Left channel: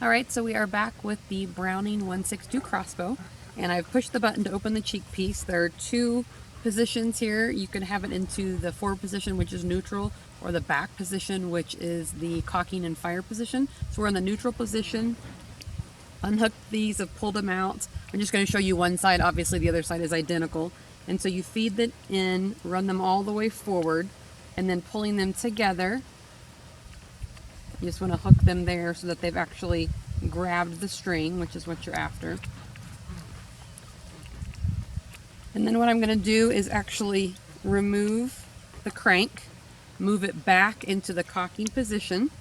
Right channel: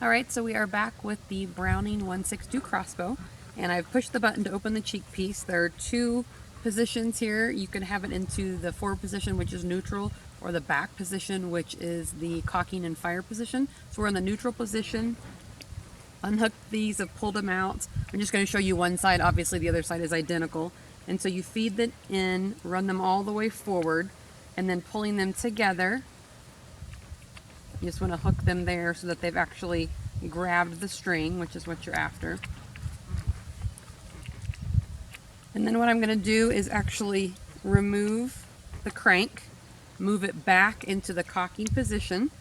Alright, so we are back with the Browning 162 crossbow, and I've pushed the button to open the cheek piece. There are two positions here. You can have it into the forward position, which is neutral, or the back position, which is the cocking and fire position. So we're in the neutral position. Unhooked these, I've pulled them out. I'm just going to show you one side. Obviously the other side is identical. And so you feed them in, run them all the way forward, and then pulling them together. You just want to hook them there so that they've actually grabbed the string, which is what you're after. And then what I'm going to do is actually remove the crank, move it back into the cocking position,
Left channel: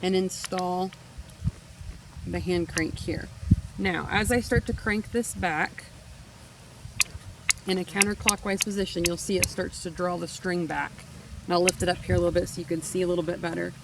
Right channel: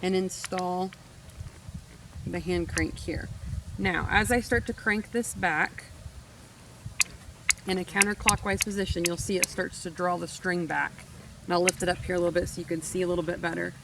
and install the hand crank here. Now, as I start to crank this back in a counterclockwise position, you'll see it starts to draw the string back. And I'll lift it up here a little bit so you can see a little bit better.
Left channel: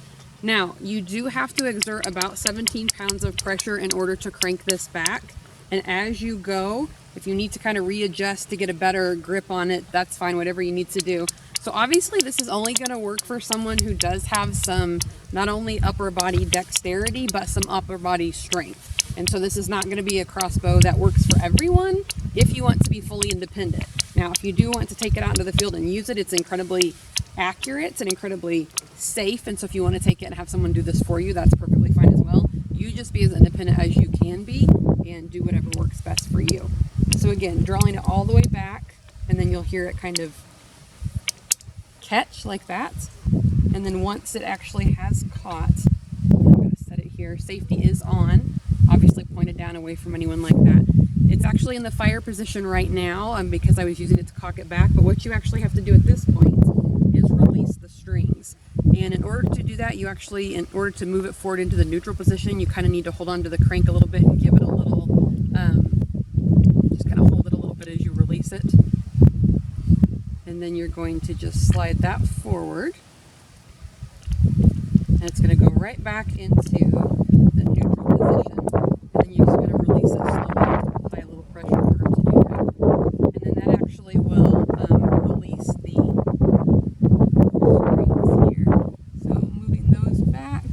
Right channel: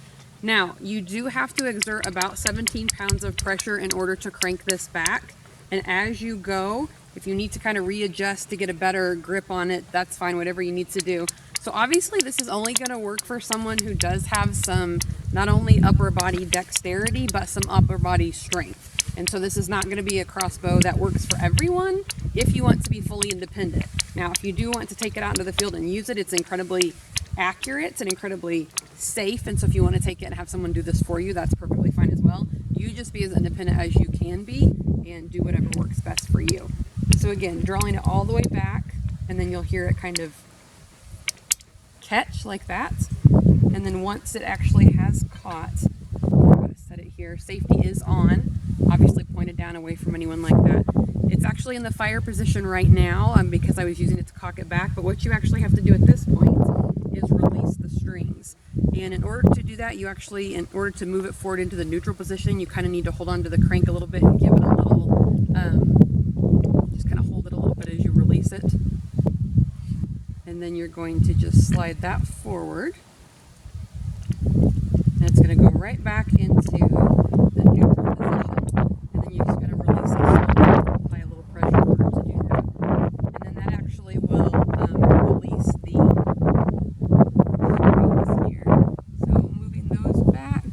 Now, you do have to exert about 17 pounds of pressure in order to crank this back. And as you go, if you need to kind of readjust to get a better grip on it, that's fine, whatever you need to do. So obviously this is only going to work for someone who does have some, not only upper body dexterity, but some upper body strength. And so this is not going to be a crossbow that works for everyone if you want to be fully independent. Now, if you do want to take it out into the field and use it, it's incredibly accurate and incredibly safe. And so if you want to take it and have someone do this for you, that's perfectly fine as well. You just be as independent as you can be and do whatever works best for you. So again, drawing it all the way back, and then you'll hear it kind of catch like that. And then once it actually has caught, I'm going to set it here. Safety is on, obviously pointed down away from anyone like that. It's actually in the fire position right now because I was using it to cock it back. But what you actually have to do at this point is release the strings. And in order to do that, you actually, in order to move it forward into the neutral position, you kind of need to hold on to the crank a little bit and give it a little, just kind of hold it a little bit as you release it. And then you're going to just slide that forward. And it's going to go right back into the neutral position. And then you just got to release it slowly, apply a little pressure in order to do that. And then that actually will release the strings here. So moving those back,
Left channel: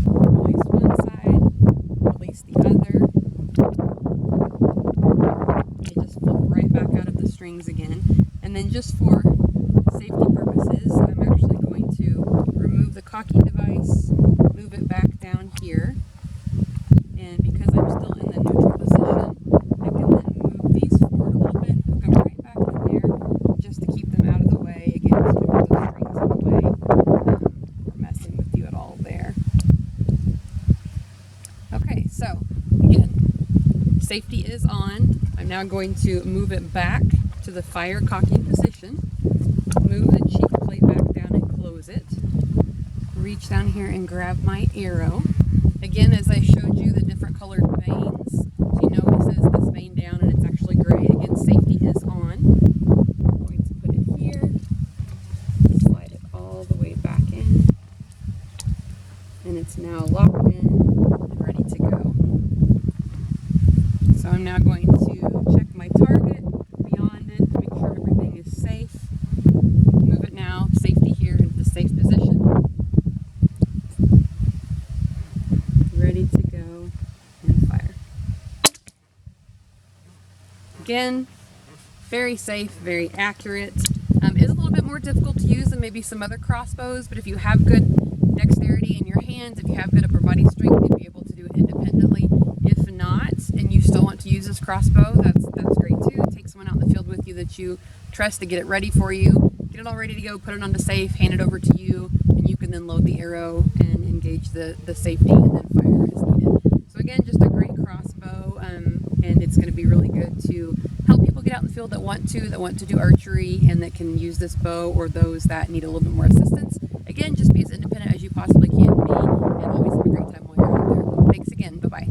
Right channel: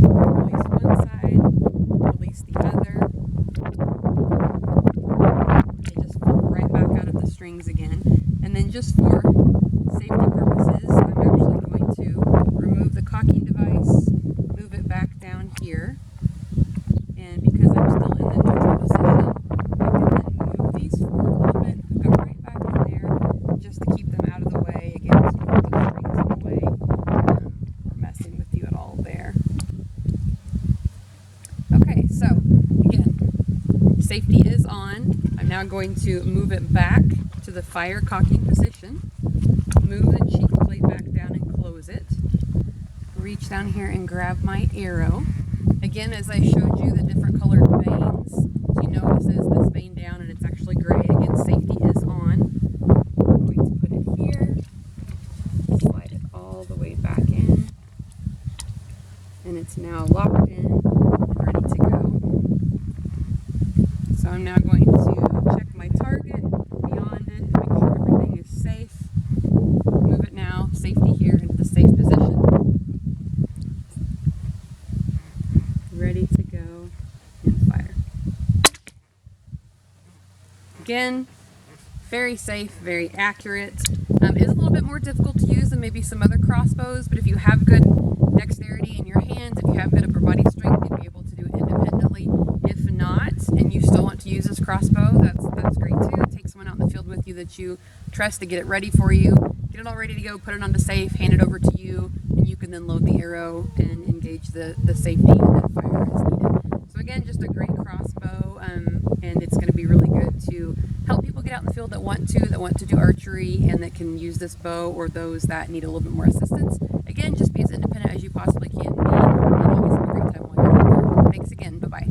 release one side, release the other. They just flip right back out of the strings again. And then just for safety purposes, I'm actually going to remove the cocking device, move it back down here. And because I'm still in the neutral position, I can then move these forward a little bit, hook them right back in there, just to keep them out of the way. Again, so don't put those strings in the way, messing with you at all there. Okay, so again, safety is on. I'm now going to move it back to the fire cocking position, move the cheek plate back down and close it, reach down here and grab my arrow. Again, as I showed you the different colored veins, so you know it says this vein down and it's actually gray. Again, safety is on. I'm going to put it here, slide it all the way back in, and it's now locked in and ready to go. So I'm now going to check my target, beyond it, make sure everything is safe. Move it now, safety here into the safe position. Ready to go and fire. Again, very safe, very accurate. It is a little bit more difficult to use than maybe some other crossbows, but if you have good dexterity in your hands, if you have good upper body strength, you'd be able to do it independently. If not, and you still want to use this crossbow, that's great too. Take someone out in the field with you that you trust to get it ready for you. Get it all ready to go, put it onto safe, hand it over to you, and you can then load the arrow and engage the safety and then fire as needed. So again, just a great crossbow, and it's going to be really good to help people get out in the field that want to do archery and that can use this bow, or those that need a little bit more assistance. Again, just be as independent as you possibly can be, and always have a great time while you're out there. Thanks again. Bye-bye.